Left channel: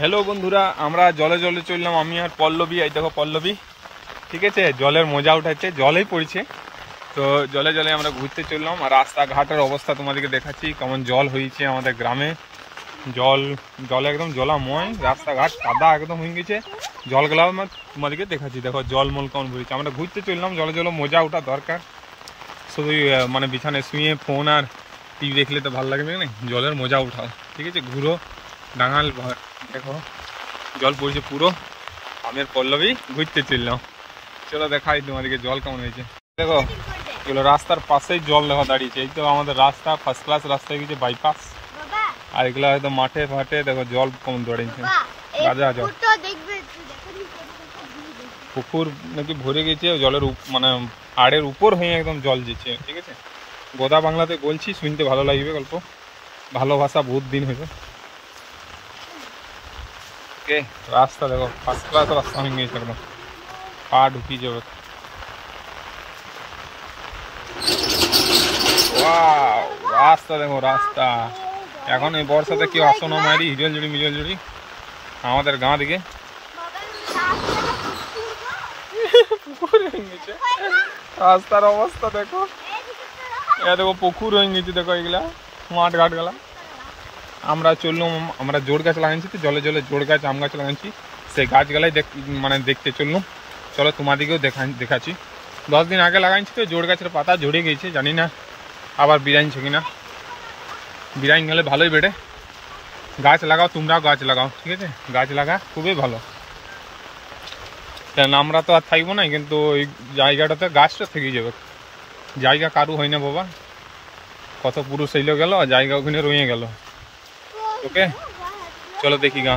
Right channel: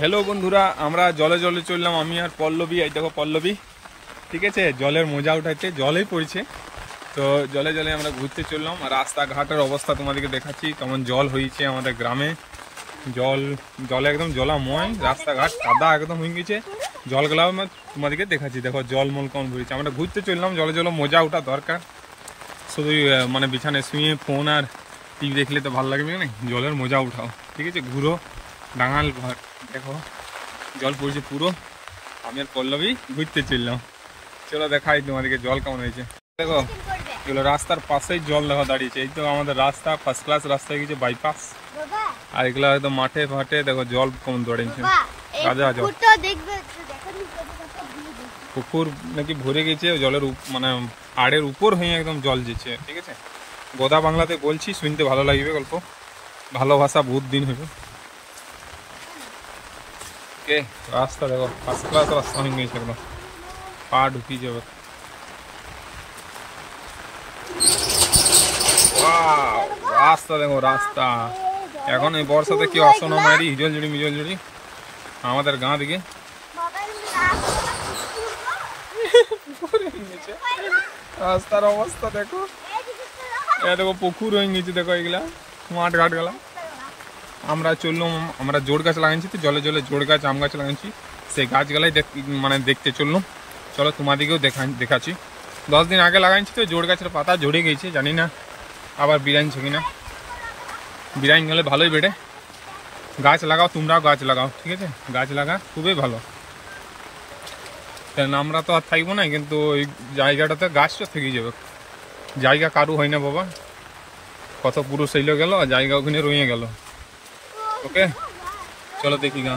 Hello বন্ধুরা, আমরা জলে জলে চললাম, আমি আর পল্লবী। এই দেখো পল্লবী, ঠিক আছে, জলের মজা উঠাইতে জলেই পড়ছে। তো জলে জলে আমরা ঘুরতে চললাম, আর রাস্তাঘাটের অবস্থা তোমাদেরকে দেখাচ্ছি কেমন জল হয়েছে আমাদের গ্রামে। জলে একদম জলাময়, রাস্তাঘাট কাদা একদম হয়ে গেছে। জলগুলো আমি তোমাদেরকে দেখাচ্ছি, দেখো জলমল কেমন ভরেছে। আমরা ঘুরতে চললাম, জলে জলে মজা ওঠা দরকার। শুধু মানে বিছানায় শুয়ে ফোন আর টিভি দেখলে তো ভালো লাগবে না, জলের মজা উঠাও, ঠিক আছে। ঘুরো ডাঙাল ভর, দেখো জল পড়ছে পুরো। আমের পল্লবী ঘুরতে চললাম, চলো দেখাই তোমাদেরকে জল কেমন হয়েছে। দেখো এগুলো রাস্তার পাশেই জল দেখা দাঁড়িয়েছে। এই তো আমাদের রাস্তা, ফার্স্ট ক্লাস রাস্তা হয়ে গেছে, বাইপাস। আর এগুলো হয়তো মাঠে ফাটে, দেখো জল কেমন দাঁড়িয়েছে, গাজা জল। পুকুর নাকি ভরে গেছে, জলের মানে আড়ের উপর হয়ে একদম জল যেছে, ঠিক আছে। গোদা বাংলাতে বলছি, শুনতে ভালো লাগবে গল্প, ভালো ভাষা বহুত দিন হইল। ওকে, রাস্তা দেখো ফার্স্ট ক্লাস রাস্তা হয়ে গেছে, একদম পা ঢুকিয়ে যাবে। ওয়াও, রাস্তা দেখো রাস্তা। এখন এই বর্ষাতে কেউ আসো না মারি, হিজল জুড়ি মিজল জুড়ি আমাদের গাঁ দিকে। রাস্তার অবস্থা দেখো, এ দেখো পুকুর হয়ে গেছে, দেখো এগুলা মাঠ ঘাট গেলা। আমরা চললাম, আমরা জোড় গাছ লাগাইছি তো, জলে জলে জোড় গাছ আম গাছ লাগাইছি, সেই গাছগুলাই মানে দেখতে চললাম। চলো তোমাদেরকেও দেখাচ্ছি। 10 দিন আগে লাগাইছি তো, জোড় গাছের পাতা ঝরে গেছে, জানি না আবার বিরাইছে কিনা। বিরাইন গেলে ভালোই বেড়ে। গাছ লাগাও, তোমরাও গাছ লাগাও, ঠিক আছে। গাছ লাগা খুবই ভালো, কেন আমরা তো আর থাকবো না, কিন্তু ওই জায়গাটাতে গাছটা থেকে যাবে। জায়গা কারু হয় না বাবা, কত পুরুষ এলো গেল, জায়গা ওখানে রয়ে গেল। ওকে চলো দেখি গা।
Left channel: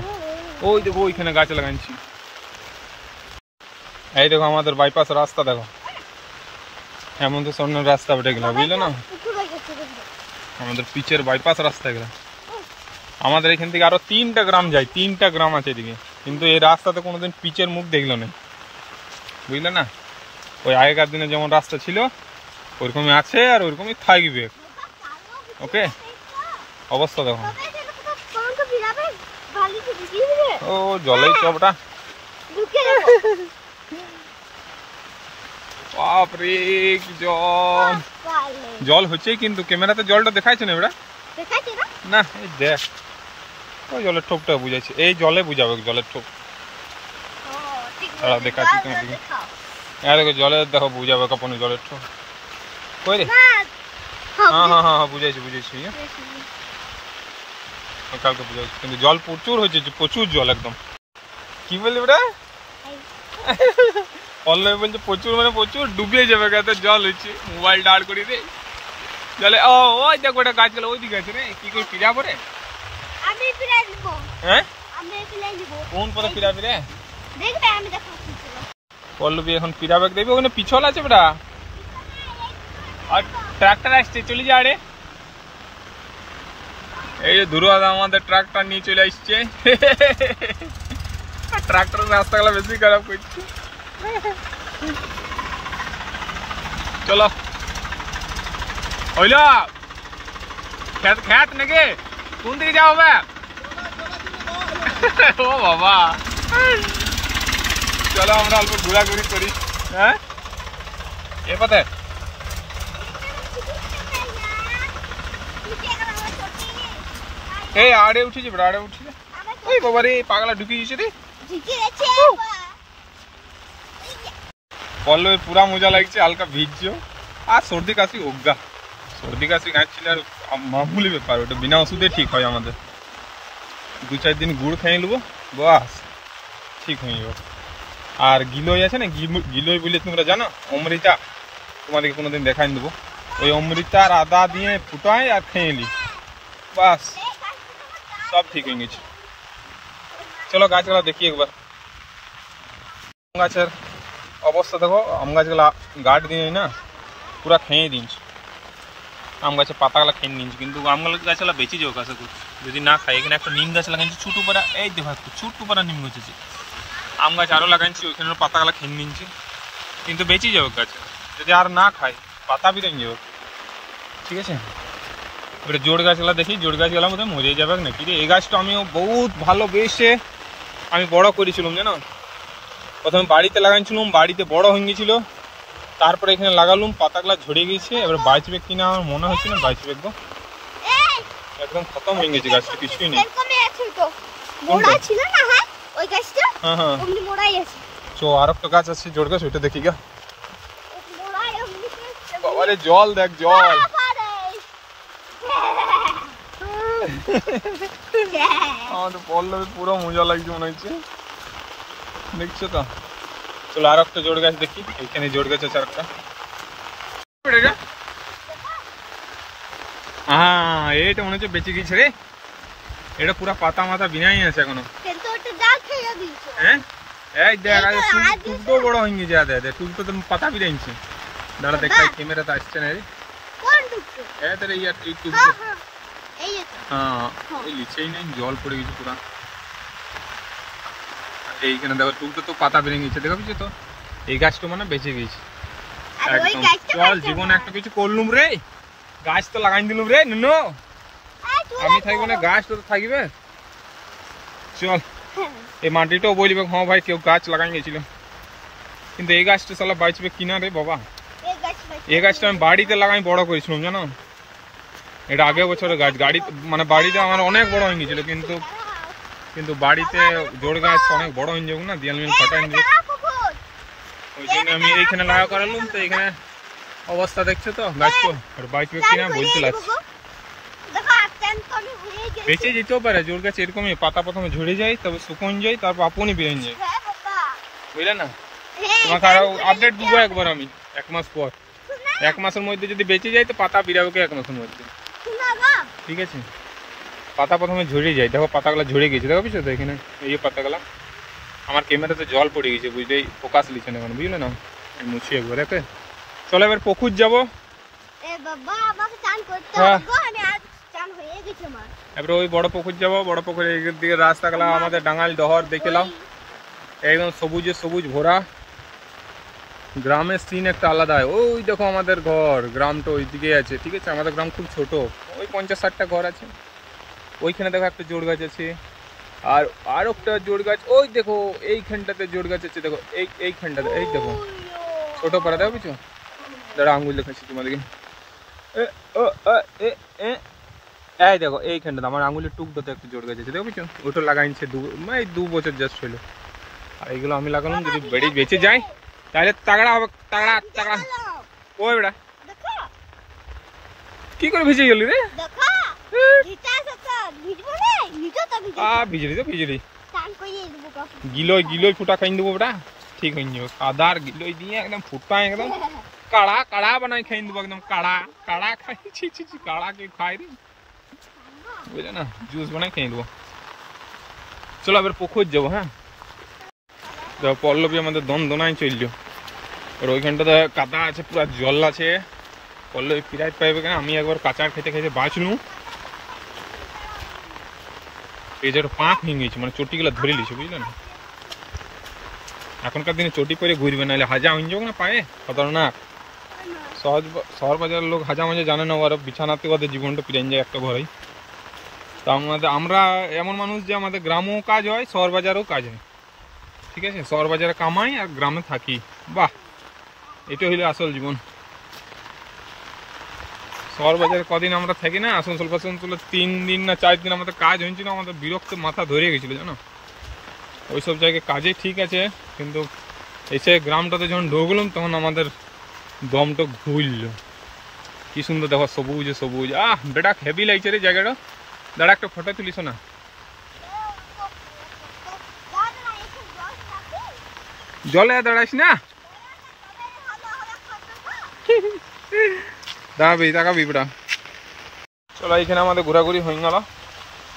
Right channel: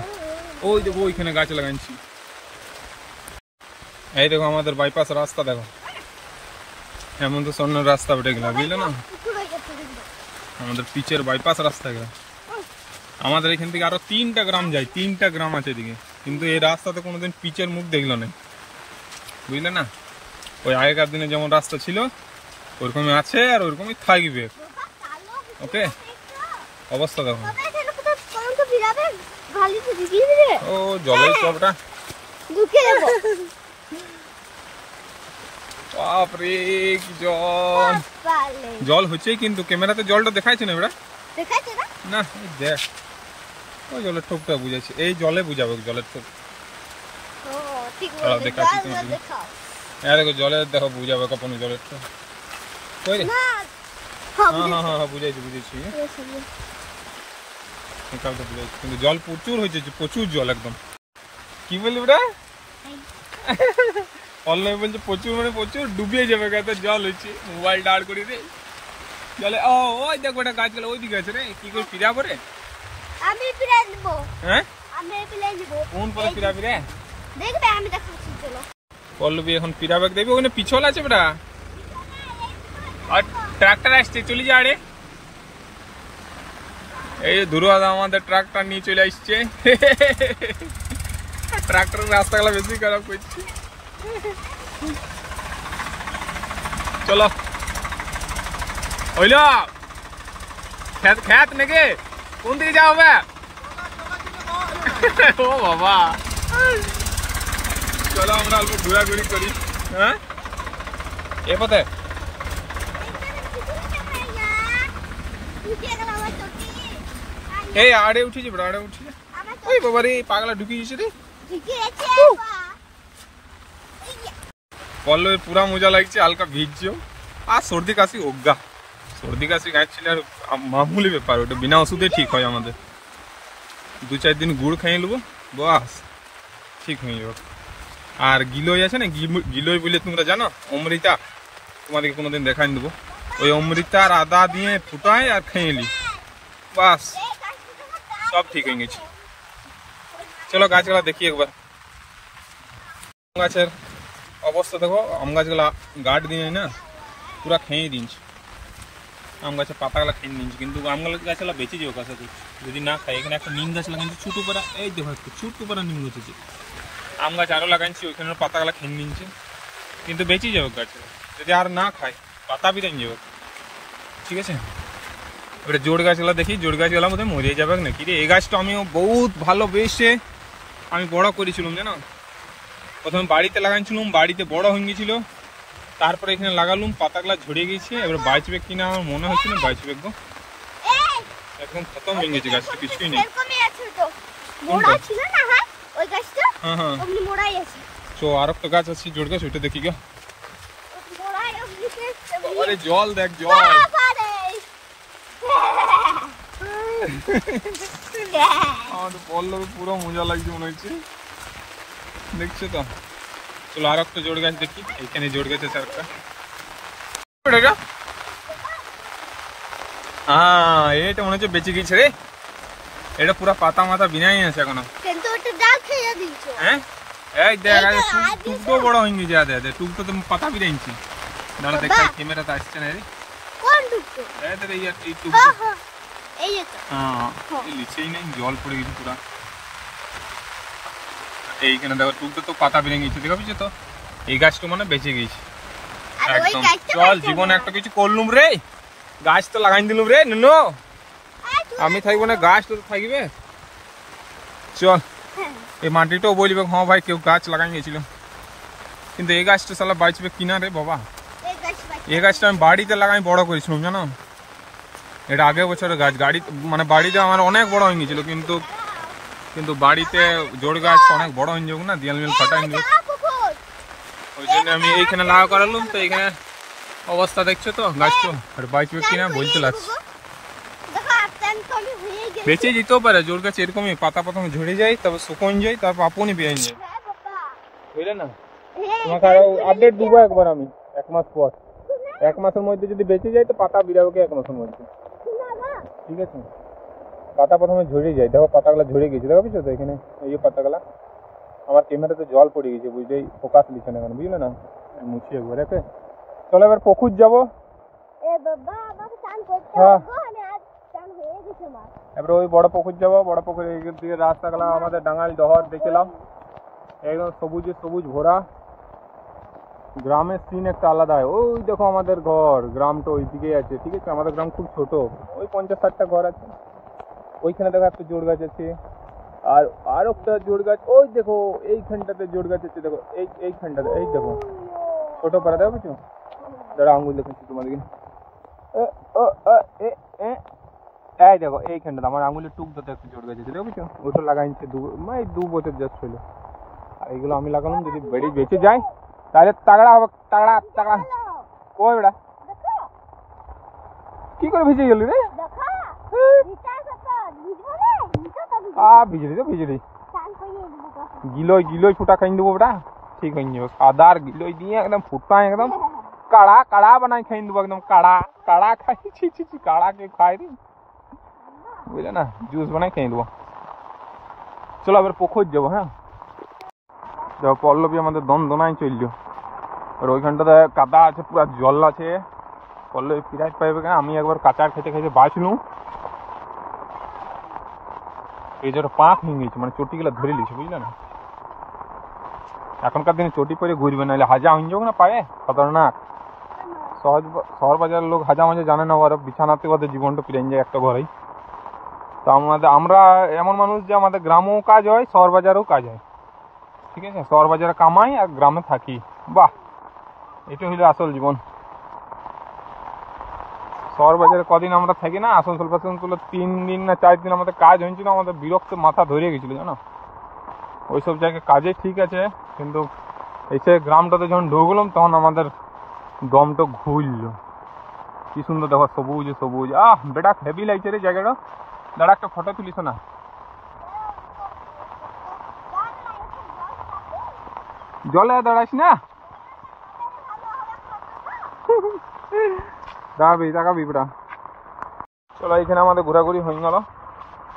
ওই দেখো ওইখানে গাছ লাগাইছি। এই দেখো আমাদের বাইপাস রাস্তা, দেখো হেমন্ত সরেনের রাস্তা বেটে গেল, বুঝলে না, আমাদের পিচের বাইপাস রাস্তা গেল। আমাদের এখান থেকে আরো 3টা গ্রাম যায়, 3টা গ্রাম আছে এদিকে, কিন্তু এই রাস্তাতে কোনোদিন পিচের মুখ দেখলো না, বুঝলে না। ওই আগেকার দিনে যেমন রাস্তা ছিল ওরকমই আছে, আর ওরকমই থাকবে। ওকে, অবস্থা দেখো। ও জলেই চপটা, বাপরে কি জল। জল হচ্ছে, কিন্তু ক্যামেরাতে জলটা দেখাইছে না এবার না। এই দেখ ওই জলের ঠোপটা বুঝাইছে, এই জলে বুঝাবে জলের ঠোপ। দেখাচ্ছি তোমার দিকে, হ্যাঁ দেখো জলে দেখো বুঝাবে কপন জলের ঠোপ কই রে। হ্যাঁ হ্যাঁ হ্যাঁ বুঝাইছি বুঝাইছি, কালকে বুঝাইছি। কিন্তু জল প্রচুর হয়েছে, প্রচুর জল একদম। কি বললি বেটা? পল্লবী বলছে প্রচুর মানে প্রচুর, ডুবিয়ে যাবে গাতে জল হয়েছে। মোবাইল দাঁড় করি রে জলে। ও ওই দেখো ওটা গাছ গেলে ওই দিকে আছে রে, কি করে ফিরা পরে। আমি ফিরে দিব, হ্যাঁ আমি ফিরে দিব। কোন পরে ফিরাবি রে? দেখবে আমি দেখাচ্ছি, চলো। পল্লবী এখন ফিরা ব্যাগ দেবে, ওখানে পিছল আছে বেটা, আর ট্রাক্টর আসছে, চলে যা রে। এই যে দুর্গা আমাদের ট্রাক্টর নিয়ে চলে আসছে। ট্রাক্টরের রাস্তাগুলো বেশি খারাপ করছে। চলো হইল খেত খেত নাকি, কোন দিকে যাও হবে? ও বাবা, চলো আমরা অল্প ঘোরাঘুরি করি। হ্যাঁ এ পথে এই আড়ে উঠেছে বেটা, আড়ে উঠেছে। ওই বাবা রে, পাগলা ঢুকিয়ে গেছে রে। পল্লবীর পুরা মজা লাগছে, হালকা ভিজছো আর সর্দি কাশি অজ্ঞা। সর্দি কাশি গাঁছিল আর মামুলি ব্যাপার, ওটা বিনা ওষুধে ঠিক হয় আমাদের। 2-4 দিন গুড় খাইয়ে নেবো, বাস ঠিক হয়ে যাবে। আর গিলোই আছে না, গিলোই বলে তোমরা জানো, অমৃতা, তোমাদেরকে কোনোদিন দেখাই দেবো। ওই অমৃতা আর আদা দিয়ে ফুটাই আর খেয়ে নি, বাস সব ঠিক হয়ে গেছে। চলো গাছগুলা দেখি একবার। গাছের অবস্থা দেখো, আম গাছগুলা গাছ দিয়ে না পুরা খেয়ে দিনছে। আম গাছের পাতাগুলা খেয়ে নিচ্ছে, কিন্তু আম গাছগুলা বেঁচে যাও কাছে করছি যদি না খাই। এখানে একটা নিম গাছ লাগাইছি ছোটো পাড়া, এই দেখো একটু ছোট্ট পাড়া নিম গাছ আছে। আম গাছ আরও লাগাইছি, ওইখানে পাতাগুলা খেয়ে নিচ্ছে, কিন্তু বেঁচে যাবে গাছ যদি আর না খাই, পাতা বিরাই যাবে, ঠিক আছে। এবারে জোড় গাছগুলো দেখি, জোড় গাছগুলো মধ্যে মরে যাবে নাকি রে। এই গাছটা আমিও বহুত ভালোবেসে আমি বড় করেছিলাম জানো। প্রথমে বাড়িতে লাগাইছিলাম, বাড়িতে বড় হয়ে গেছিল, তারপরে এখানে লাগালাম, পাতাগুলো ঝরে গেছে। এবার বাঁচবে কিনা আমার মনে হচ্ছে না বাঁচবে, একদম একদম খতম হয়ে গেছে গাছটা, কিছুই নেই। কোনটা? হ্যাঁ হ্যাঁ চো আর একটা গাছ আছে জোড় গাছ, ওইটা দেখি গা। বাবারে জল দেখ, জল আমাদের পল্লবে পুরো মজা লাগছে মনে হচ্ছে, দেখছো তো। চলো আর একটা জোড় গাছ দেখি, ওইখানে জোড় গাছ আছে আর একটা। হ্যাঁ এটা মনে হচ্ছে বেঁচে গেছে রে, এটা পুরো পাতা মাথা বিনাই আছে এখনো। হ্যাঁ এই দেখ টুকটো বড় হয়ে গেছে, আদে টুকটো তো পাতা বিরাইছে। দাঁড়া দেখাই, ক্যামেরাতে আসছে না রে। এই টুকটো হ্যাঁ এই লিচেই নেই, জল পড়ে গেছে পুরা। এইখানে দেখো টুকটো তো পাতা বেরিয়ে গেছে, দেখো বুঝছো তো। এই গাছটা মানে বেঁচে গেছে একদম। চল জীবনে একটা কিছু করলুম রে, গাছ তো লাগাই দিলুম রে নুনো। আমি থাকবো না, গাছ তো থাকবে। চল এই মাটিটাও বলবে হ্যাঁ ভাই কেউ গাছ লাগাই গেছিল, কিন্তু এই গাছটা সালা বাঁচবে কিনা রে বাবা। এই গাছটা আমি বাড়িতে লাগাই বড় করেছিলাম জানো, এটা আগের বছরের গাছ। গাড়ি মানে বাড়িতে আমার অনেক বড় হয়ে গেছিল, কিন্তু বাড়িতে জোড় গাছ অনেক বড় হয়ে যাবে না, দিয়াল মিল ফাটাই যাবে, ওই জন্য আমি এইখানে লাগা করালাম। তো এইখানে অবস্থা দেখছো তো গাছটা, বাঁচবে কিনা বলতে লাগছে। বেঁচে যেতেও পারে জোড় গাছ এরকমই, পাতা প্রথমে ঝরে যায়, তারপর শুকন যায়, তারপর আপনি বেরিয়ে যায়, বুঝলে না। তোমাকে আরো আপডেট দেবো একবার আমি 1 মাস পর। 1 মাসের মধ্যে যদি বেঁচে যায় তো পাতা বিরাবে 1 মাসের মধ্যে, ঠিক আছে। পাতা প্রথমে ঝরে যায়, দেখো পাতাগুলো ঝরে গেছে, দেখো বুঝছো তো। এখানে এই পাতাগুলা আমার ক্যামেরাতে জল পড়ে গেছে, বুঝলেই ফোকাস লিখছে না, বুঝলে না। মুছি একবার একে। চলো এবার পুকুর যাবো। এবার ওই বড় পুকুর যাবো, বড় পুকুরের দিকে রাস্তাগুলো আমাদের ডাঙাল ডহর দেখলাম, একদম সবুজে সবুজ ভরা। গ্রামের সিন একটা আলাদা। ওই দেখো আমাদের ঘর, গ্রামটা ওই দিকে আছে, ঠিক আছে। আমাদের গ্রাম খুব ছোট, ওই 50-60টা ঘর আছে। ওইখানে দেখো একটা জোড় গাছ আছে, আর একটা জোড় গাছ ওই দেখো এইখানটাতে জোড় গাছ আছে, দেখো এইখানটাতে, এই দেখো ছোট পাড়া, দেখো বুঝছো। দাঁড়া আঙুল দেখাচ্ছি তোমাদেরকে, এই দেখো এইখানটাতে আমার আঙুলের টুকটাতে একটা জোড় গাছ আছে, দেখো বুঝছো। ওটা লাগাইছে 2 বছর জাস্ট হলো। আর এইগুলো আমি লাগালাম, যদি বেড়ে বেঁচে যায় তাহলে তাগড়া হবে, তাগড়া তাগড়া। ওই বেড়া কি করে ভিজে গেলি রে? ভিজলি গিলোই ফুটা খাই দেবো বেটা, ঠিক হয়ে যাবে। আদার গিলোই দিয়ে একদম ফুটা একদম কাড়া বানাই খাই দেবো, একদম কাড়া খাই। কাড়া কে খাই রে, বুঝলে না, জুস বানাই খাই দেবো। চলো এবার পুকুর যাবো। হ্যাঁ দেখো পল্লবী আমাদের দোনায় চললো, আর ওইখানটাতে কাদা আছে, পুরো জল আছে। পল্লবী পিরাইট পাইবে কেন, আমি একবার কাঁচার খেতে খেতে বাঁচলু, এই যে পাঁক ভেঙে গেছে, মানে চটিগুলো ধরে লিছে, বুঝলে না। এখনকার দিনে চটি পরে ঘুরবে, নাহলে হাজা হয়ে যাবে না পায়ে, খতরনাক। শহর বাজারের লোক হাজা মাঝে জানে না, ওরা বিছানাতে ওদের জীবনটা পিরাই যায় একটা ঘরেই। তো আমরা এমন মানুষ যে আমাদের গ্রামেও কাজ হয়, শহর বাজারেও কাজ হয়, ঠিক আছে। শহর বাজারে কামাই আর গ্রামে থাকি, বাহ এটা হইলো আসল জীবন। শহর বাজারে কদিন আমরা থাকি না, আসানসোল 3 দিন না 4 দিন আমাদের কাজ হয়েছিল, আমাদের বিরক্ত মাথা ধরে গেছিলো জানো। ওইসব জায়গায় কাজে ঠিক আছে, কিন্তু এসে গ্রামটাতে যখন ঢুকলাম তখন আমাদের দমটা ঘুরল। কি সুন্দর দেখো, সবুজ সবুজ, বেটা হেভি লাগছে রে জায়গাটা। দাঁড়া একটা ফটো তুলিস না, জলে দাঁড়াইস না, তাকাবি বেটা। চলো এখানে আমাদের ঘোরাঘুরি হয়ে গেল,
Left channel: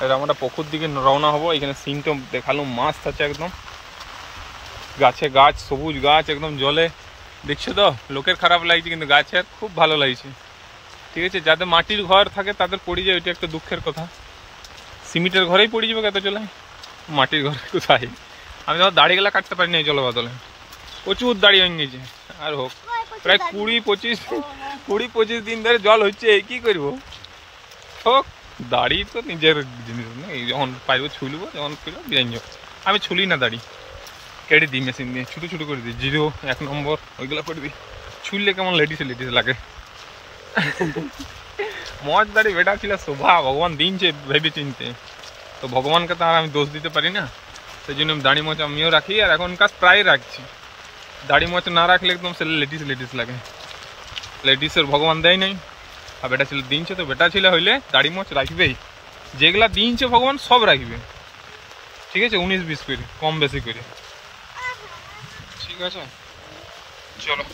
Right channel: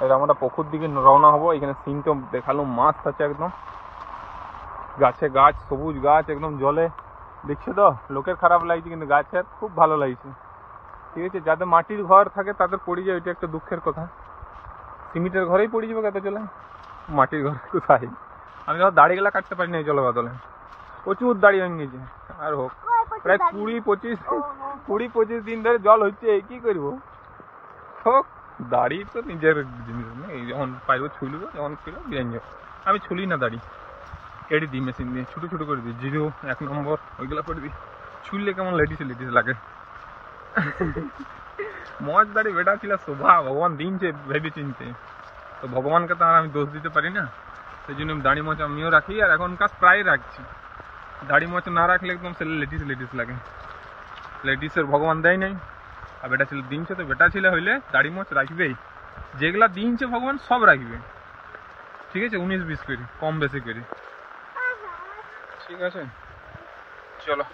এটা আমরা পুকুর দিকে রওনা হবো। এখানে সিনটা দেখালো, মাছ আছে একদম, গাছে গাছ, সবুজ গাছ একদম জলে, দেখছো তো। লোকের খারাপ লাগছে, কিন্তু গাছের খুব ভালো লাগছে, ঠিক আছে। যাদের মাটির ঘর থাকে তাদের পড়ে যায়, ওইটা একটা দুঃখের কথা। সিমেন্টের ঘরেই পড়ে যাবে কত চলে, মাটির ঘরে কোথায়। আমি ধর দাড়িগুলা কাটতে পারি না এই জলে বাদলে, প্রচুর দাড়ি হয়ে গেছে। আর হোক প্রায় 20-25 দিন ধরে জল হচ্ছে, কি করবো। হোক দাড়ি তো নিজের জিনিস না, এই যখন পাইব ছুলবো, যখন খুলবো বিরান যাবো। আমি ছুলি না দাড়ি, কেটে দিই মেশিন দিয়ে, ছোটো ছোটো করে দিই, 0, 1 নম্বর ওইগুলো করে দিই। ছুললে কেমন লেডিস লেডিস লাগে। মজ দাড়ি বেটা ছিল শোভা, ভগবান দিনছে ভেবে চিনতে, তো ভগবানকে তো আর আমি দোষ দিতে পারি না। সেই জন্য দাড়ি মোচ আমিও রাখি, আর এখনকার প্রায় রাখছি। দাড়ি মোচ না রাখলে একদম সে লেডিস লেডিস লাগে, লেডিসের ভগবান দেয় নাই। আর বেটা ছেলে দিনছে, তো বেটা ছেলে হইলে দাড়ি মোচ রাখবেই, যেগুলা দিনছে ভগবান সব রাখবে, ঠিক আছে, 19-20 করে, কম বেশি করে, ঠিক আছে। চলো,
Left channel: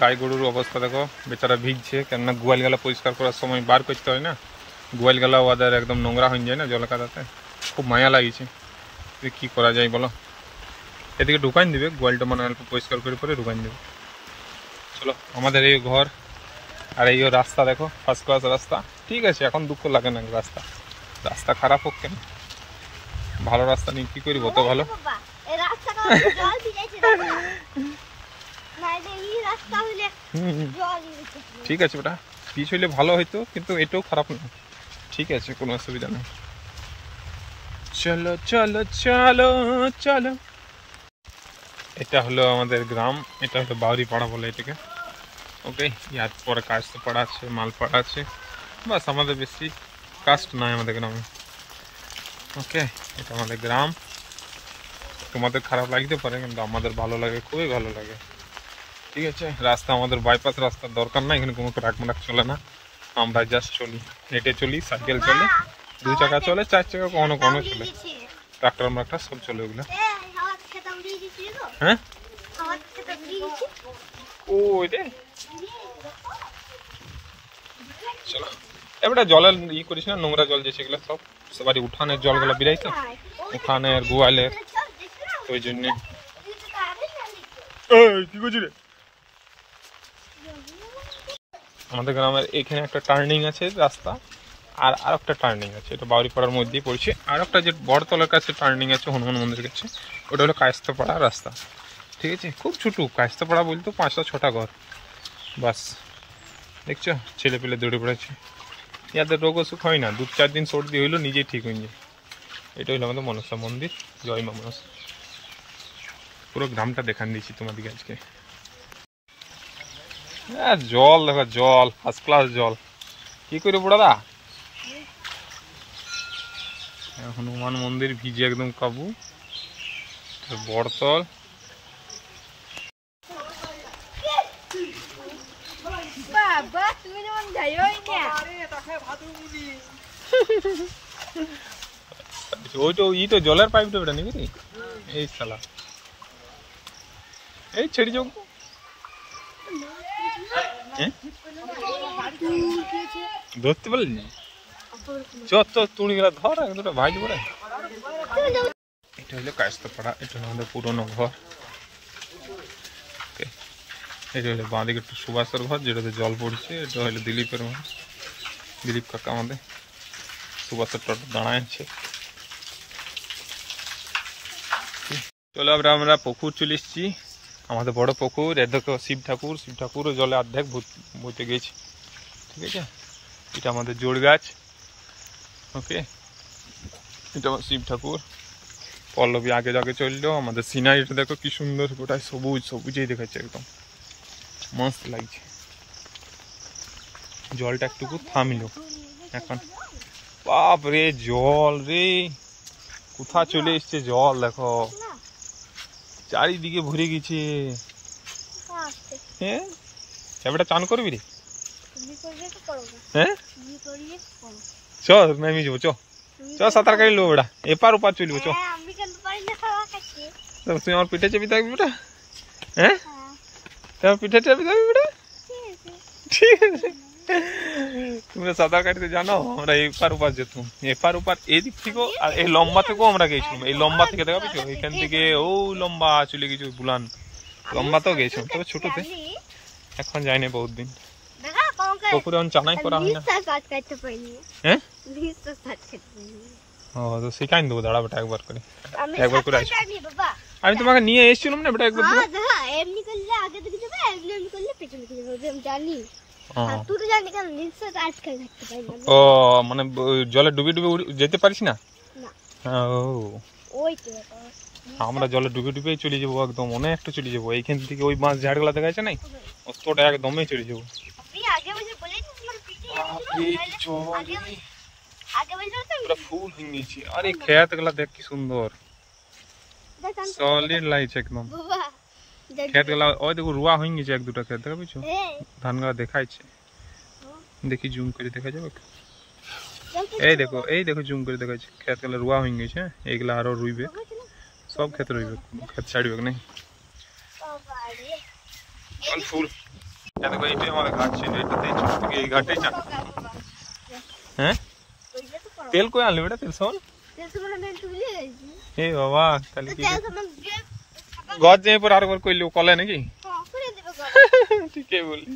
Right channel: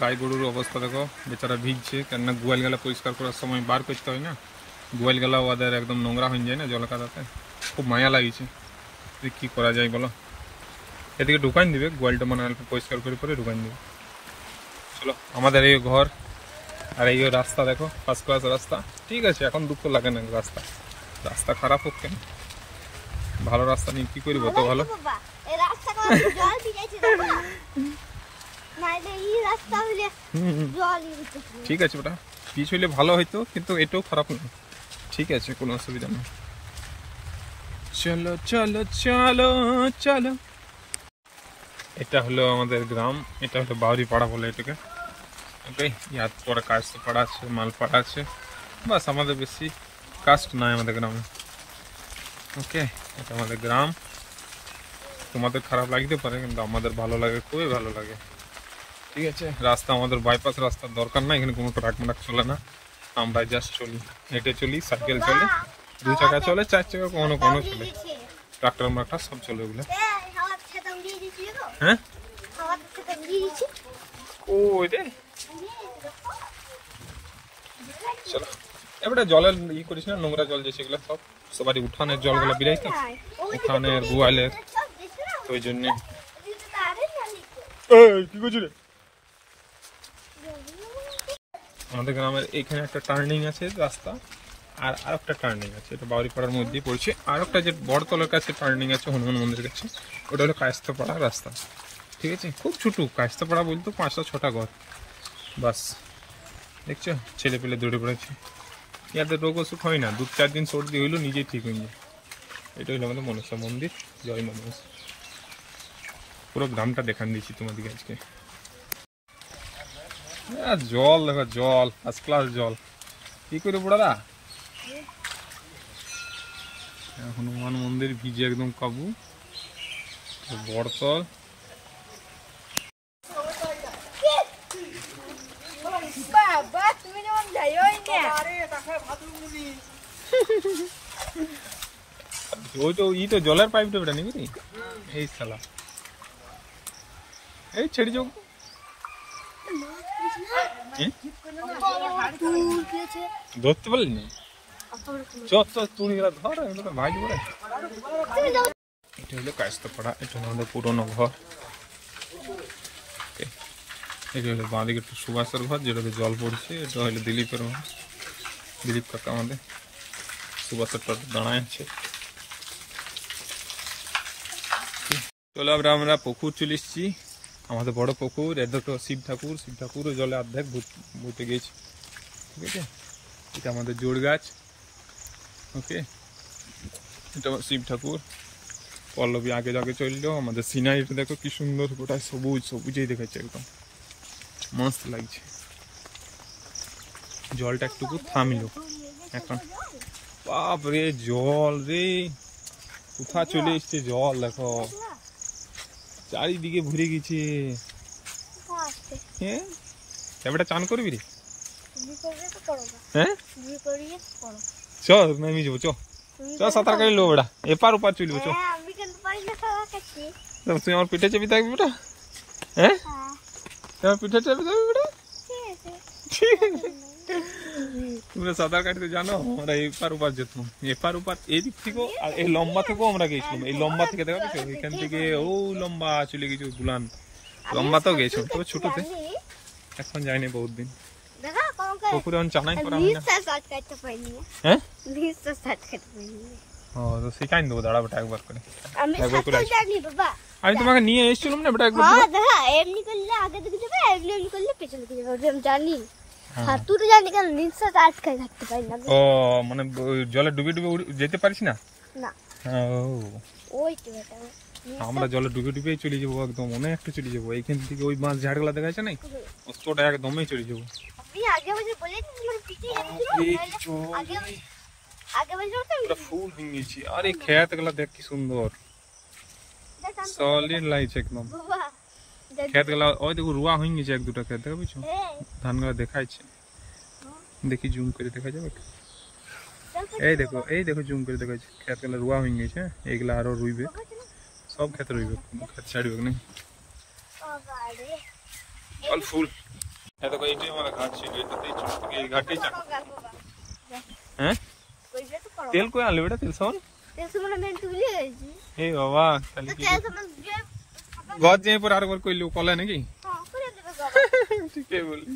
গাই গরুর অবস্থা দেখো, বেচারা ভিজছে, কেননা গোয়াল গালা পরিষ্কার করার সময় বার করতে হয় না, গোয়াল গালা ওদের একদম নোংরা হয়ে যায় না জল কাদাতে, খুব মায়া লাগিয়েছে। কি করা যায় বলো, এদিকে ঢুকান দিবে গোয়ালটা, মানে অল্প পরিষ্কার করে পরে ঢুকান দেবে। চলো, আমাদের এই ঘর আর এই রাস্তা দেখো, ফার্স্ট ক্লাস রাস্তা, ঠিক আছে, এখন দুঃখ লাগে না। রাস্তা খারাপ হোক কেন, ভালো রাস্তা নিয়ে কি করবো, তো ভালো। ঠিক আছে ওটা পিচ হইলে ভালো হইতো, কিন্তু এটাও খারাপ না, ঠিক আছে, কোনো অসুবিধা নেই। চলো চলো চলো চলো, এটা হলো আমাদের গ্রাম, এটা হলো বাউরি পাড়া বলে এটাকে। ওকে, ইয়ার পরে কাস্ট পাড়া আছে, মালপাড়া আছে, বাস, আমাদের বেশি কাস্ট নাই আমাদের গ্রামে। ওকে, এটা আমাদের গ্রাম, তোমাদের খারাপ লাগতে পারে, কিন্তু আমাদের ভালো লাগে, খুবই ভালো লাগে, ঠিক আছে। রাস্তা আমাদের বাইপাস রাস্তার দরকার না, এখানে কোনো ট্রাক মারাক চলে না, আমরা জাস্ট চলি, হেঁটে চলি, সাইকেল চলে, 2 চাকা চলে, 4 চাকা কখনো কখনো চলে, ট্রাক্টর মাক্টার সব চলে ওগুলো। হ্যাঁ, ও রে, চলো এবারে জলের করিস না, নোংরা জল যে সেগুলো সব সবারই উঠানের জলগুলো বিরাই, তো উঠানের গোয়ালের, তো ওই জন্যে। কি করছি রে, আমাদের গ্রামের এখানে একটা টার্নিং আছে রাস্তা, আর একটা টার্নিং আছে, এটা বাউরিপাড়ার মধ্যেই পড়ছে। আর একটা যে বড়তলার কাছে টার্নিং আছে হনুমান মন্দিরের কাছে, ওটা হলো কায়স্থপাড়া রাস্তা, ঠিক আছে। খুব ছোটো কায়স্থপাড়া বলতো 5-6টা ঘর, বাস। দেখছো ছেলে পেলে দৌড়ে পড়েছে, ইয়াদের রোগ অসুখ হয় না, 2-4 দিন সর্দি হইলো নিজেই ঠিক হয়ে যায়। এটা হলো আমাদের মনসা মন্দির, জয় মা মনসা। পুরো গ্রামটা দেখান দিয়েছি তোমাদেরকে আজকে। জল দেখো, জল ফার্স্ট ক্লাস জল, কি করে পড়াদা, হনুমান মন্দির ভিজে একদম কাবু, বড়তল। ওইটা ইটো জলের পাইপটা বেটা নাকি রে, এই শালা, এই ছেড়ে যাও, ধরতে পারলি, তুড়ি গেলা ধর, দুটো ভাই পড়ে। এটা হলো কায়স্থপাড়া, এটা হলো আমাদের পুরোনো ঘর। এটা হলো বাঁদিকে একটু সুভাষের ঘর, যেটাতে জল পড়ছে। এটা হলো দিলীপের ঘর, দিলীপ কাকা আমাদের, সুভাষের টোটো দাঁড়ায় আছে। চলো আমরা পুকুর চলে এসেছি, আমাদের বড় পুকুর, এর দেখো শিব ঠাকুর জলে অর্ধেক বইতে গেছে, ঠিক আছে। এটা আমাদের জোড় গাছ, ওকে, এটা আমার শিব ঠাকুর। পল্লবী আগে চললো, আমাদের সিনারিটা দেখো কি সুন্দর, গোটায় সবুজেই দেখাচ্ছে, একদম মস্ত লাগছে। জলটা একটুকু থামিলো এখন, বাপ রে জল রে, কোথা চলে এসছে জল দেখো, চারিদিকে ভরে গেছে। হ্যাঁ, এবারে চান করবি রে, হ্যাঁ চ নামি যাবো, চ সাঁতার কাটি লো বেটা, এপার ওপার চলবো, চ। তুই আমার পিঠে চেপে থাকবি বেটা, হ্যাঁ তোমার পিঠে চেপে থাকবি বেটা, ঠিক আছে। তোমরা সাঁতার কাটতে জানো, আমরা এপার ওপার যেতাম, এপার ওপার এদিক থেকেও, আর এই লম্বা থেকেও আমরা গেছিলাম, এই লম্বা থেকে দেখা পেয়েছো, এখান থেকে ও লম্বা চলে গেছি বুলান, লম্বাতেও গেছিলাম, তবে ছোটতে, এখন যাইনি বহুত দিন। পুকুরে চানাই করা হয় না, হ্যাঁ ও তো শিখাই দেবো, দাঁড়া বেটা একবার করে আসবো। আমি তোমাকে নিয়ে এসেছিলাম না বেটা একবার, এমনি করলে আগে দিকে যাবে, এমনি করলে পেছনে দিকে যাবে, আমি জানি। ও হ্যাঁ। তুই তো জানি কেন নিশ্চয় আজকে থাকতে পারি না ও মানে জলে ডুবে ডুবে যেতে পারিস না? না ও ওই তো ওটাই। আমরা জলে ডুবে ডুবেই চলে যাবো, একদম অনেকটা চলে যাবো এইখান থেকে। ওই মাছ ঝাড়গুলা দেখা যাচ্ছে না, অতটা একদমই চলে যাবো। আমি আগে বসে বলি তো তোমার পিঠে আগে বসে তো পুরো ফুল হয়ে গেছে। আরে খেত গুলা দেখ কি সুন্দর, সলিড লাগছে একদম। বাবা খেত গুলা ওই দেখো রুয়া হয়ে গেছে, এক দুটা খেত দেখা পেয়েছো, ধান গুলা দেখাইছে। দেখি জুম করে দেখা যাবে, এই দেখো জুম করে দেখাচ্ছে। খেত গুলা রুয়া হয়ে গেছে, এইগুলা আরো রুইবে, সব ক্ষেত রইবে, কোনো ক্ষেত ছাড়বে না। অল ফুল। দেখো এইটাই আমার ঘাট ছিল, এটাতেই ছোট থেকে এই ঘাটেই চান। হ্যাঁ তেল কই আনলি বেটা? তেল সল এ বাবা, তাহলে কি ঘর যাই পর আরেকবার কইলি কলে নাকি? ঠিকই বললি।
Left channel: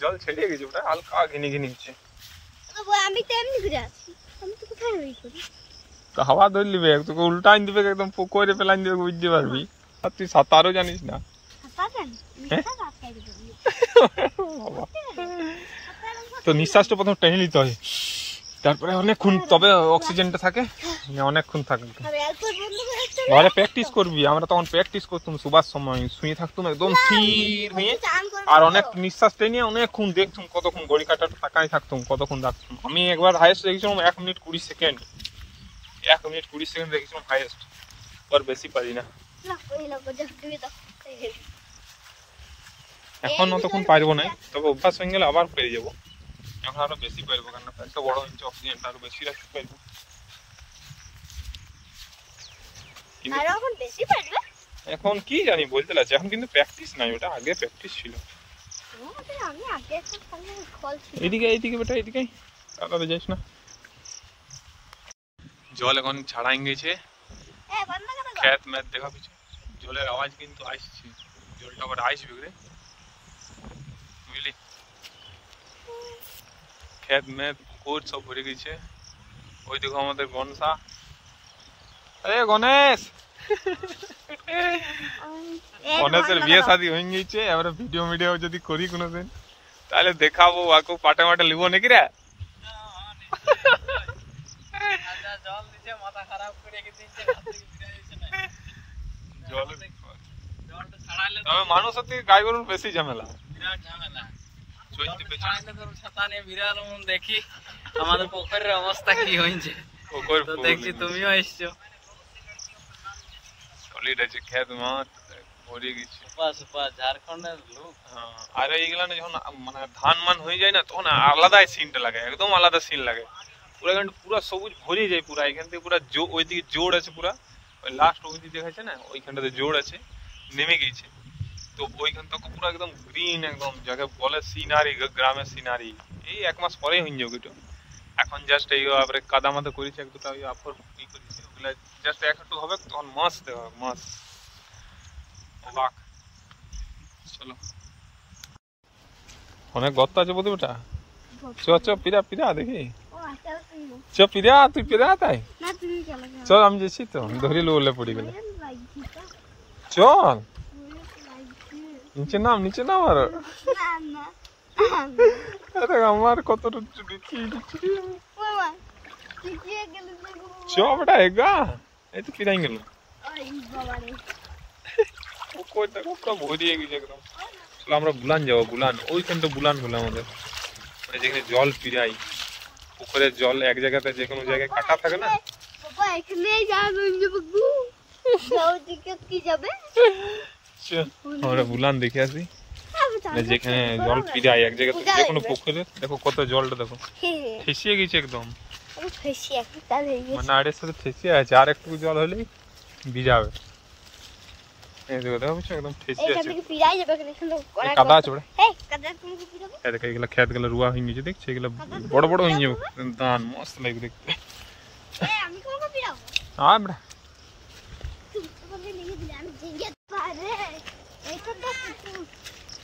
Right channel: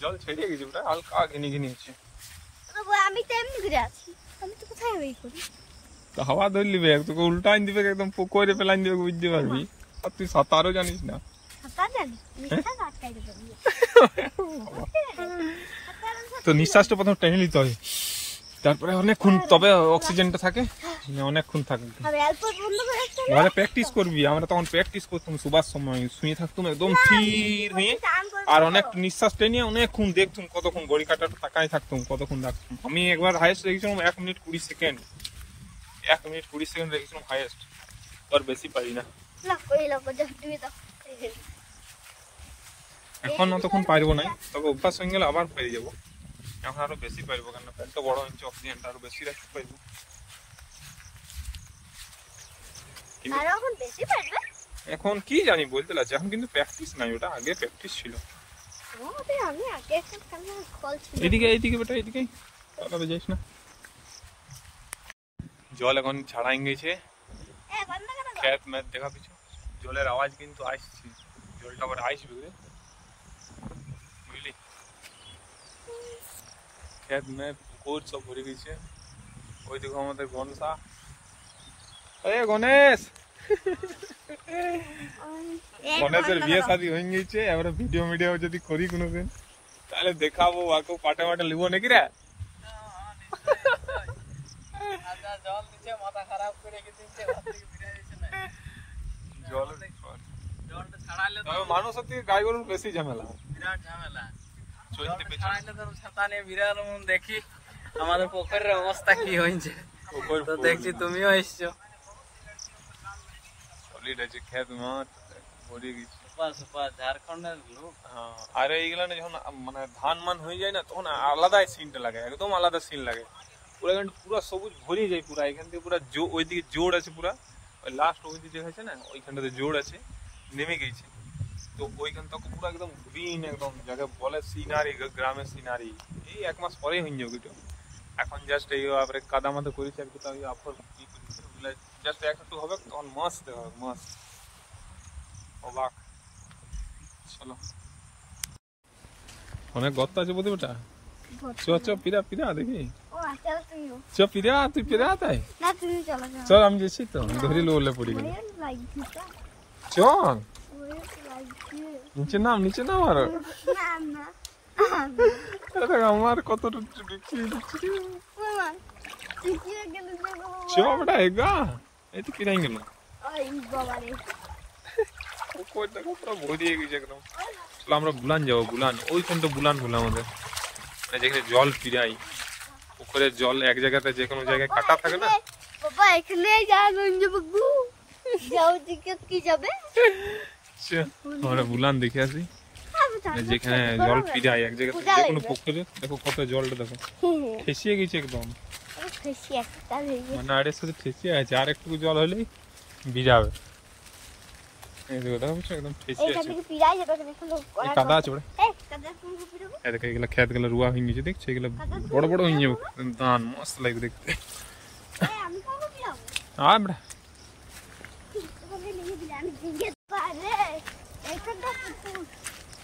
জল ছেড়ে গেছে বেটা, হালকা ঘিনি ঘিনি হচ্ছে। আমি তো এমনি ঘুরে আছি, আমি তো কোথায় ওই করি। তো হাওয়া ধরলি বে, তোকে উল্টাইন দিবে, একদম পুকুরে ফেলাইন দিবে, বুঝতে পারবি। আর তুই সাঁতারও জানিস না। তো নিঃশ্বাসটা প্রথম টেনে নিতে হয়, তারপরে অনেকক্ষণ, তবে অক্সিজেনটা থাকে, অনেকক্ষণ থাকে। ঘরে প্র্যাকটিস করবি, আমরা তখন প্র্যাকটিস করতাম সুবাস সময়, শুয়ে থাকতাম একদম স্থির হয়ে, আর অনেক নিঃশ্বাস টেনে অনেকক্ষণ দেখতাম, কতক্ষণ ঘড়ি কাটাটা তাকাই থাকতাম, কতক্ষণ রাখতাম। আমি একবার হাইয়েস্ট দেখেছিলাম 1 মিনিট 20 সেকেন্ড, 1 মিনিট 20 সেকেন্ড দেখেছিলাম হাইয়েস্ট, আর বেশি পারি না। এখন অতক্ষণ পারবো না, তবে অভ্যাস হয়ে গেলে আবার পেরে যাবো। এখন আরো বেশি পারবো, কারণ পেটটা বড় হয়েছে, অক্সিজেনটা আরো বেশি রাখতে পারবো। এখন কি জানি বলতে লাগছে, এখন কিন্তু প্র্যাকটিস নাই, ওটা আগে প্র্যাকটিস ছিল। এইদিকে এইদিকে বেটা, এইদিকে তাড়াতাড়ি যাইস না। জল এখন ছাড়াই গেছে, খেত ম্যাথ দেখা পিছু, জলের আওয়াজ কিন্তু আসছে, জলটা আবার আসবে রে, বুঝলি। খেত ম্যাথ পুকুর সব ভরে গেছে। ওই দেখো আমাদের গণেশা, আরে গণেশ, গণেশের বিয়ে শাদী হয়ে গেছে। এবার ভিডিও মিডিও যদি করি কোনোদিন, তাহলে দেখাবো, আকে পাটে মাটে লিবো নাকি রে? তবে মানুষের থেকে গাই গরুর বেশি ঝামেলা, চলতে দেখি আমাদের পুকুরের অবস্থা কি হয়েছে, দেখছি তুমিও এসছো। খেত মাঠ ভরে গেছে, ঝাড়খণ্ডের লোক। আর এইগুলা যখন মানে ধান মান হয়ে যায় না, তখন আলাদাই সিনটা লাগে, একদম আলাদা সিন লাগে। পুরো পুরো সবুজ ভরে যায়, পুরা এখান থেকে পুরা ওইদিকে জোড় আছে, পুরা ওই লাস্ট অবধি দেখাচ্ছে না, ওইখানটাতে জোড় আছে, নেমে গেছে। তো ওইখান থেকে পুরো একদম গ্রিন, একদম যাকে বলে সিনারি, গ্রামের সিনারি। এই 1 মাস পরেই হয়ে যাবে ওগুলো। এখন জাস্ট এই কাদা মাথা করেছে, এক দুটা ওই আফর ই করেছে, ওগুলা জাস্ট একটু হবে, তখন মাছ দেওয়া হবে, মাছ অবাক। চলো, অনেক গর্ত আছে বোধ বেটা, চ পিরা পিরা দেখি, চ পিরা, তুই পিরা তাই চল, আমি যাচ্ছি তো, ধরিল বলে পড়ে গেল, চল নিচে নাম, নিচে নাম। আর আমার কত দেখিয়ে দিচ্ছি, চ বেটা এগা, এই তো পিরাই গেল, ভরিয়ে গেছে একদম। চলো আমরা বুলান যাবো, বুলান ওইখানটা বুলান হলো আমাদের, মানে যেখানে জল পিরাই, পুকুরের জল এক জায়গাতে যে কোনো জায়গায় কাটা থাকে না, আমরা বুলান দেখে আসি, যেখানে জল পিরাই এক জায়গাতে, যে কোনো পুকুরে। দেখো কত জলটা, দেখো ঠেসিয়ে গেছে একদম, মানে আড়ের সাথে ঠেসিয়ে আছে, আর একটু জল হলেই ভিজাবে। একদম ঠেসিয়ে আছে, কাদা আছে ওটা, এগুলো খেত গুলো রুয়া হয়ে গেছে, দেখছি এগুলো বড় বড় হয়ে যাবে, ধান মস্ত লাগবে দেখতে।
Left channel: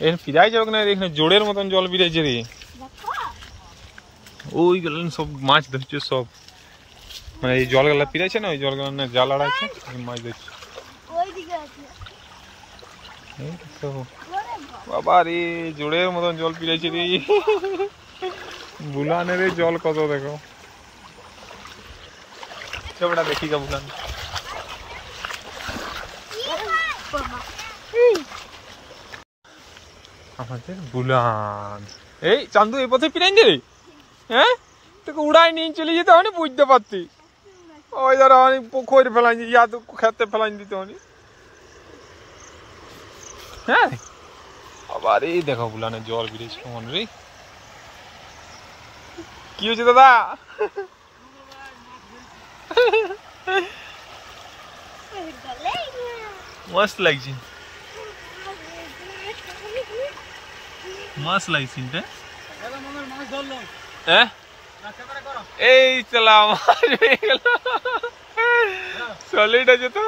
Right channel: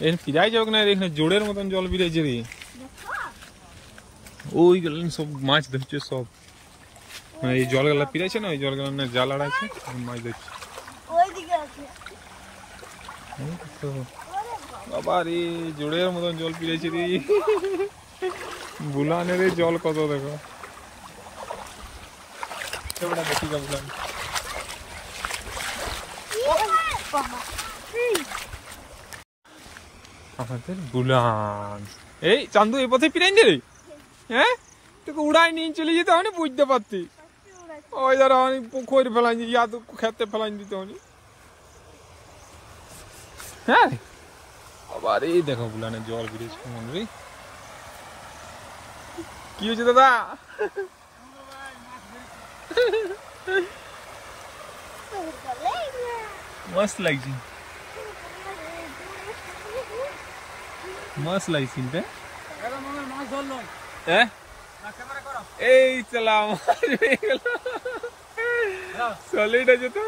এখানে পিরাই যাবে না, এখানে জোড়ের মতন জল বেরিয়েছে রে, ওই গেলেন সব মাছ ধরছে সব, মানে এই জলগুলা পিরাইছে না, ওই জলগুলা না জাল আড়াইছে, মাছ ধরছে। বাবা রে জোড়ের মতন জল পিরাইছে রে, বুলানের জল কত দেখো, এবারে দেখি গা বুলান। আমাদের বুলান এই চান্দু এই পথে পিরাইন রে, হ্যাঁ তোকে উড়াই নিয়ে চলে যেতে হয়নি, বুঝতে পারতি ওই ধরো অনেক পুকুর ফেলাই ইয়া তো খেতে ফেলাই দিতে হয়নি। হ্যাঁ আবার এই দেখো বুলানের জল বেরিয়েছে কেমন রে, কি হয়েছে দাদা? মস্ত লাগছে, মস্ত লাগছে এই চলা সলিড আছে তো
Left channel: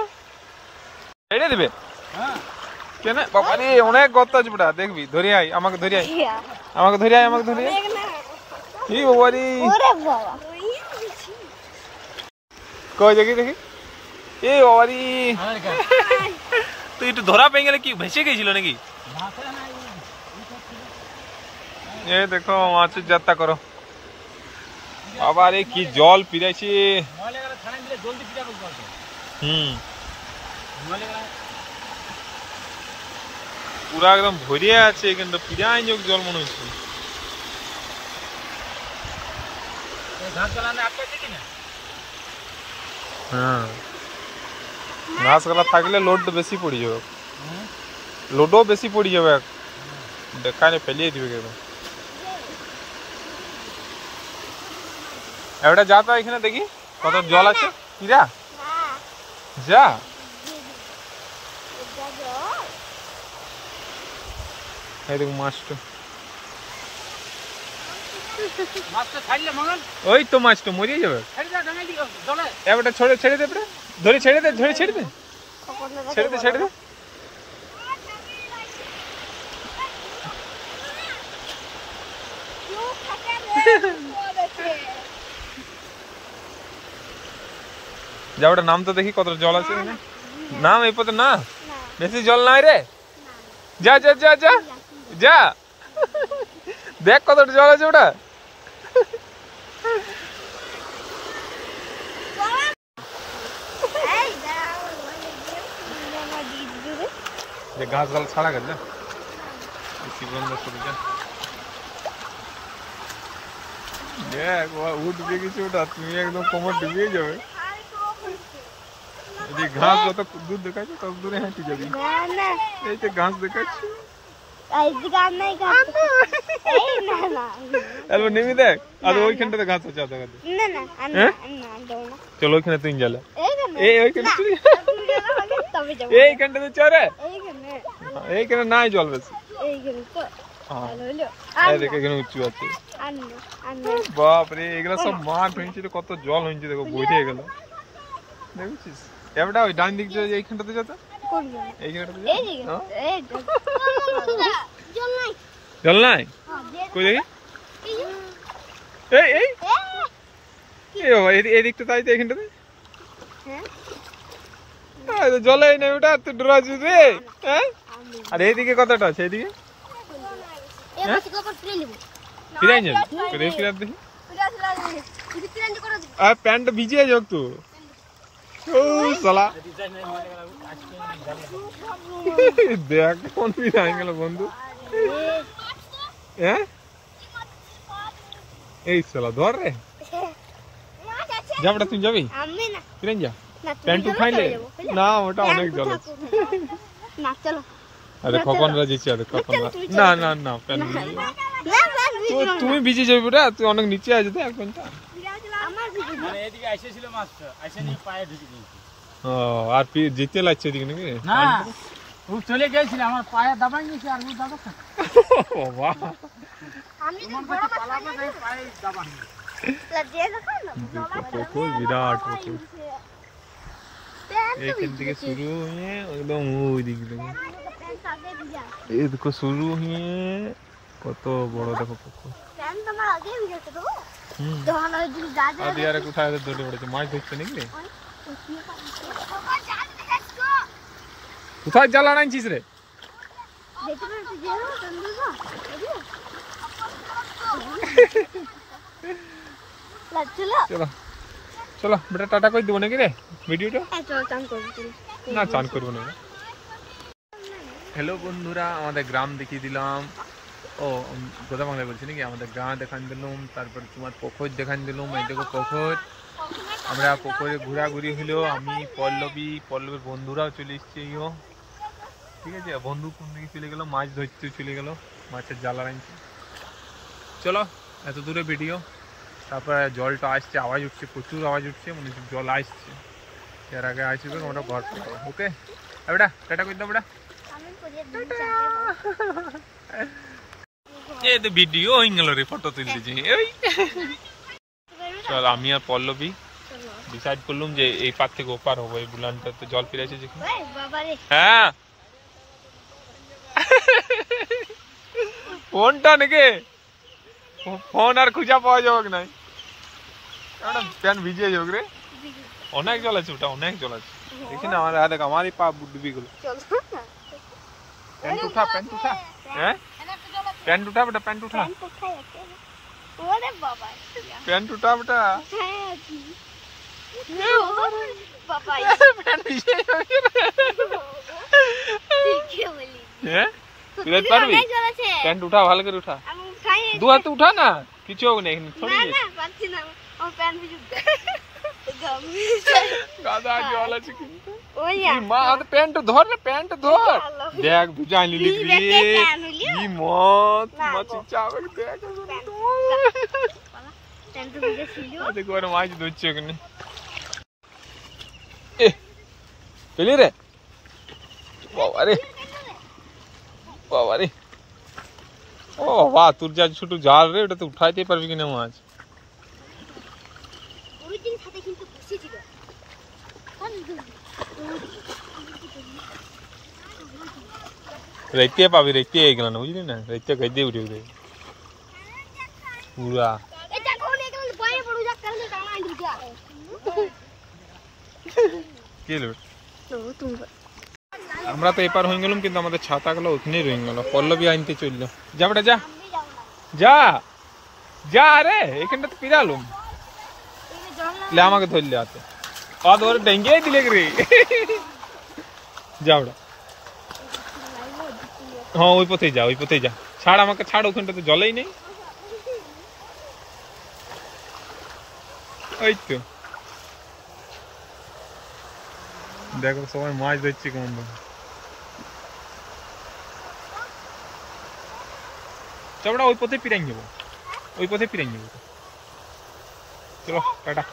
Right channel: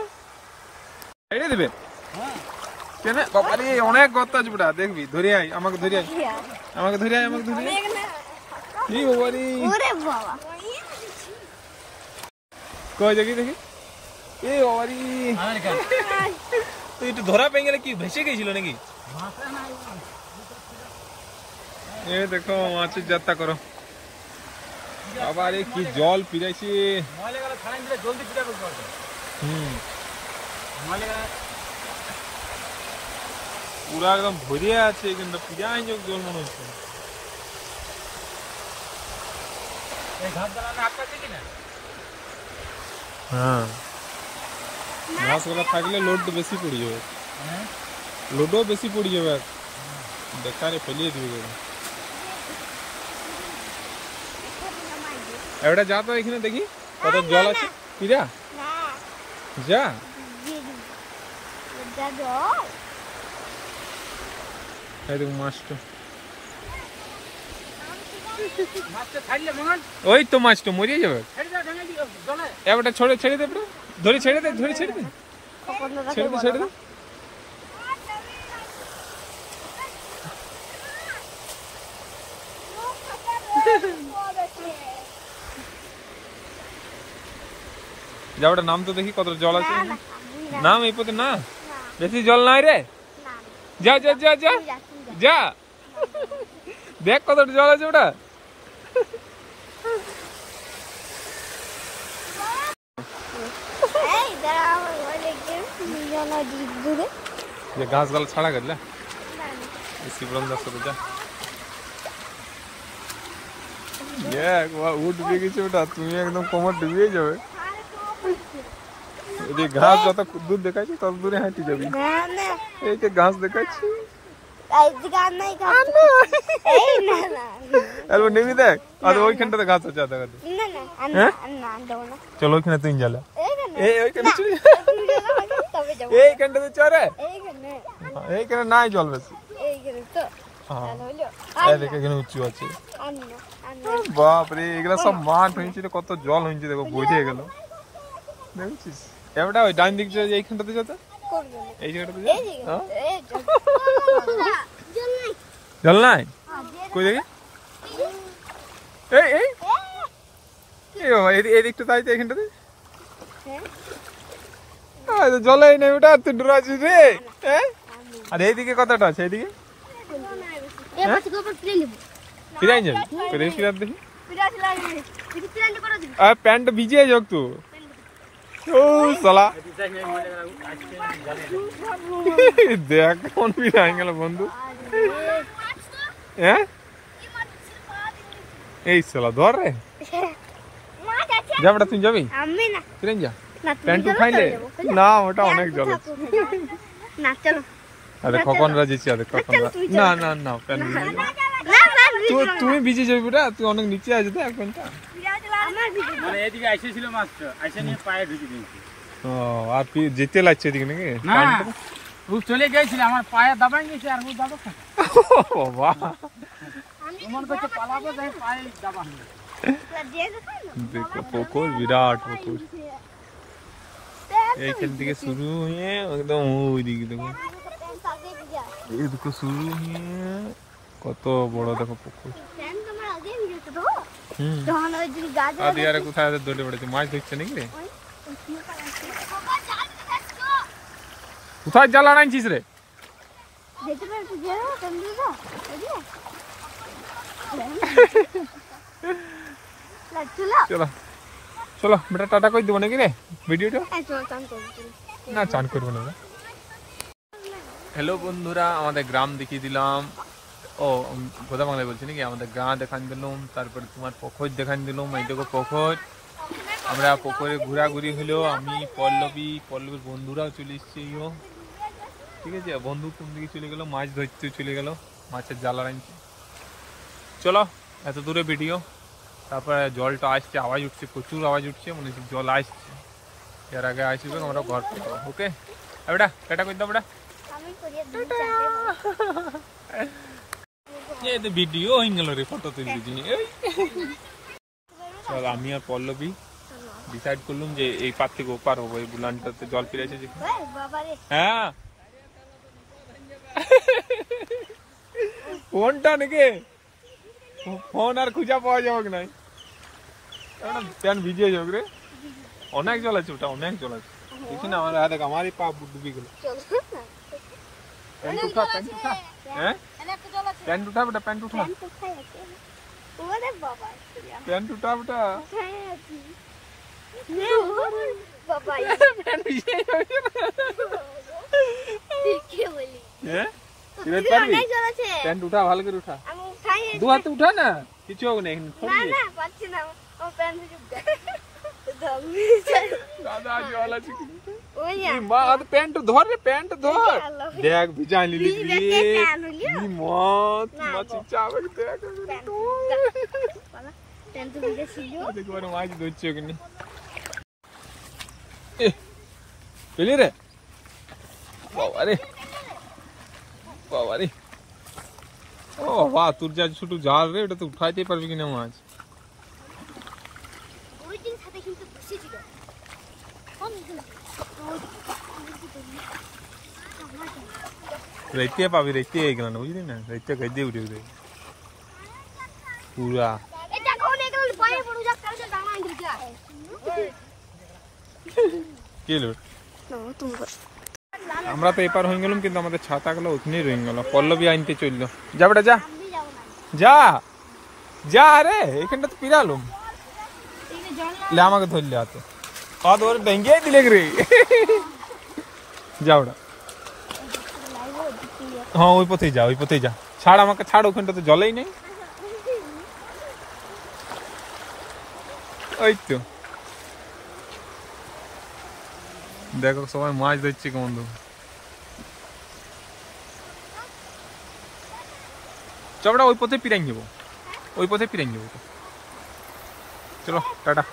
এটা দিবে কেন বাবা রে, অনেক গর্ত আছে বেটা, দেখবি ধরে আই, আমাকে ধরে আই, আমাকে ধরে আই, আমাকে ধরে আই। কি বাবা রে, কই দেখি দেখি, এ বাবা রে তো একটু ধরা পেয়ে গেলে কি ভেসে গেছিল নাকি? এ দেখো মাছের যাত্রা করো, আবার এ কি জল পিরাইছে, পুরা একদম ভরিয়ে আছে, কিন্তু পিরাই যোগ জল মনে হচ্ছে। হ্যাঁ ঘাস গুলা থাকলে লোড বেশি পড়ে যাবে, লোডও বেশি পড়ে যাবে, দেখানে ফেলিয়ে দিবে একদম। এবারে যা তো এখানে দেখি কত জল আছে, পিরা যা এই দেখো মাছটা, ওই তো মাছটা মরিয়ে যাবে, এবারে ছেড়ে ছেড়ে দে, ধরে ছেড়ে দে, ধরে ছেড়ে দে, ছেড়ে দে, ছেড়ে দে। যা ওটা নাম তো দেখি কত জল আছে, নাম এই পথে না, বেশি জল নাই রে, যা যা যা যা যা দেখ কত জল আছে ওটা। ঘাস গাল ছাড়া গেল উঠবে গেছে ওটা, তুমি একদম কোমর ডুবিয়ে যাবে, ঘাস যত দূর দেখাচ্ছে তত দূরে হাঁটি যাবি, এই যে ঘাস দেখাচ্ছি নেমে দেখ, আর ওইখানটাতে ঘাস আছে আধা ঘাটে, চলো ওইখানে তুই জ্বালা, এইখানটাতে চরে, এইখানে নাই জল বেশি, এখানে উঁচু আছে, বাপরে এগুলা সব মাঠ হয়েছিল, কত জল হয়েছে দেখো, বইতে গেল দেখছিস। এবারটা ওই ডান দিক এইখানটাতে যত, এই জায়গাটাতে জল নাই, কই দেখি, এই এই বাবা এদিকটা তাই তো, এইখানটাতে জলাই নেই ওটা, তুই ডরাছিস রে, আর এইদিকে কতটা আছে, এইদিকে ফিরাই যাবি, ফিরাত দেখি, আর প্যান্টটা ভিজিয়ে যাক তো, ও সালা দেখ কোন ফিরাই গেল বন্ধু, হ্যাঁ এই সালা ধর রে, যাবটা তুই যাবি, ফিরাই যা, প্যান্ট উঠাইলে না, ওটা অনেক জল আছে, আরে কখন রাজিছি, আরে কখন না না না প্যান্ট ভিজে যাবে, তুমি ভিজে যাবি ওটা, তুই অনেক নিচে আছে তো এক প্যান্টটা, ও আর যেতে লাগছে এদিকে নাকি, চলে গেছিল আমার পায়ে দাবাই গেছে, আর দাবা বাবা দেখো পুকুর, বিরাট পুকুর, এইখান থেকে শুরু হয়ে একদম ওই দিকে দেখো, এই দেখো শুরু হয়ে কত বড় দেখো পুকুর, আগে ভিডিওটা দেবো হুম যখন ওই দিন গাছ আর দিয়ারে কোথায় আছে দলে পড়েছে মাছ ধরছে নাকি রে কোথায় জাল আনাইছিস রে দেখতে পাচ্ছি যে চন্দ্রদা চলো চলো বেটা টাটা কই দেবো নাকি রে ভিডিওটা চলো চান করবো না চান করবো না হ্যালো বন্ধুরা আমাদের গ্রাম দেখিয়ে দিলাম ও গোদা বাংলায় বলছি নাকি আমাদের গ্রাম দেখান দিলাম তারপরে তোমার পুকুর দেখান দিলাম এই দেখো পুকুর আমরা পুকুরে ঘোরাঘুরি হলো আমি পল্লবীর বন্ধুরাও চলে এসছে ঠিক আছে বন্ধু কোন দিকে চলে গেল মাছ ধরতে চলে গেল মাছের জ্বালা আনছে চলো এত দূরে ভিডিও তারপরে জলটা আসছে আওয়াজ উঠছে প্রচুর আওয়াজ উঠছে মনে হচ্ছে জল আসছে এর আগে আসবে আমরা ঘর করবো ওকে বেটা টাটা করে দাও বেটা আমি করিয়ে দিই এই তো ভিডিও হয়ে গেল রে ফটো তুলতেছি চল আমি আর পল্লবী ডিসাইড করলাম যে এই পার থেকে ওপার হবে এই বুলানটাতে জল ফিরে এসেছে হ্যাঁ ফোনটা নাকি ফোন আর খুঁজা পাওয়া যাবে নাই প্যান ভিজে যাবে রে অনেক জল আছে ওটা অনেক জল আছে দেখি না আমার দেখ আমারই পা ডুবি গেল প্যান্ট উঠা হ্যাঁ প্যান্ট উঠা বেটা প্যান্ট উঠা ওরে বাবা প্যান্ট উঠা বেটা বাবা প্যান্ট ভিজে যাবে কি বলি হ্যাঁ তুই পারবি প্যান্ট উঠা ভালো করে উঠা আমি খাই দু হাতে উঠা না কিছু হবে না এখানে না না পাচ্ছি না আমার প্যান্ট ভিজুক দাদা জল আছে কিন্তু ওই মা প্যান্ট ধর রে প্যান্ট ধর দেখ ভিজা নিলি কি মত মাছি চাবে দেখ প্যান্ট ভিজে ছিল দেখো আর মাছ ধরছে ওখানে এ পেলি রে বাবা রে ও বাবা তোর যা ছোট জাল রে ওটা তো উঠাইতে পারবি কিনা মাছ ওই দিন সাথে কিন্তু বসেছিল রাইতে পাবি রাইতে গেল না বুঝলি না রাইতে গাইতে উঠে উঠে পুরা কি হলো আমরা তো এপার হয়ে গেলাম কিন্তু আমাদের ছাতা গুলো ওখানেই রয়ে গেল পল্লবী আনতে চললো যা বেটা যা যা যা রে এখানটা তো পিরালুম লে আমাকে ধরলে হাতে পা ধরে ডেঙ্গে দিলে রে যা ওটা হ্যাঁ ওই পথেই যা ছাড় আমাকে ছাড় ওখানটা তো জলেই নেই ওই তো দেখো সবাই মাছ ধরছে কেমন চবড়া ওই পথে পিরাই যাবো চলো টাটা